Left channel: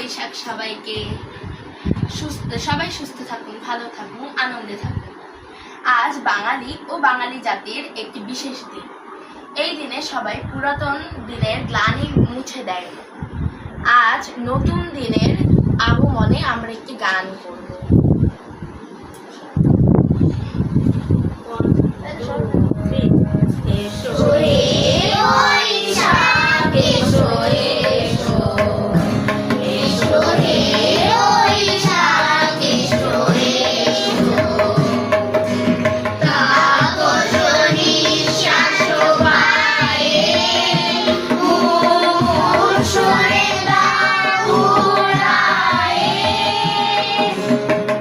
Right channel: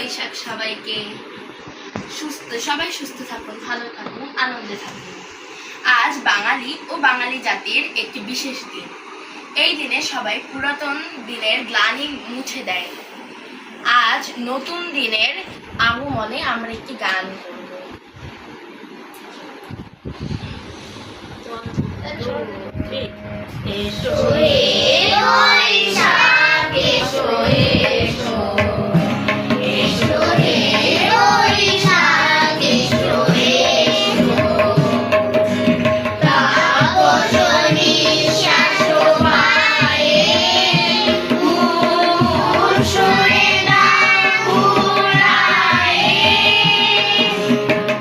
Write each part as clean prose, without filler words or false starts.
বৈশাখ সবাইকে। সবাই সুস্থ থাকুন, ভালো থাকুন, আনন্দে থাকুন। আজ বাঙালি ও বাঙালি জাতির একটি বিশেষ দিন। এই দিনে সবাই পুরাতন দিনের গ্লানি মুছে দেয়। আজ নতুন দিনের আগমনে আমরা একটি গান করব। এসো হে বৈশাখ, এসো এসো, এসো হে বৈশাখ, এসো এসো। তাপস নিঃশ্বাস বায়ে, মুমুর সুরে গান ঘুরায়ে।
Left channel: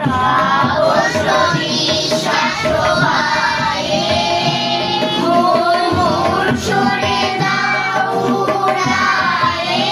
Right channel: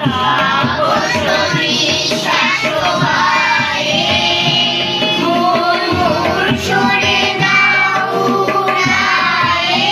তাপস নিঃশ্বাস বায়ে, মুমুর সুরে গান ঘুরায়ে।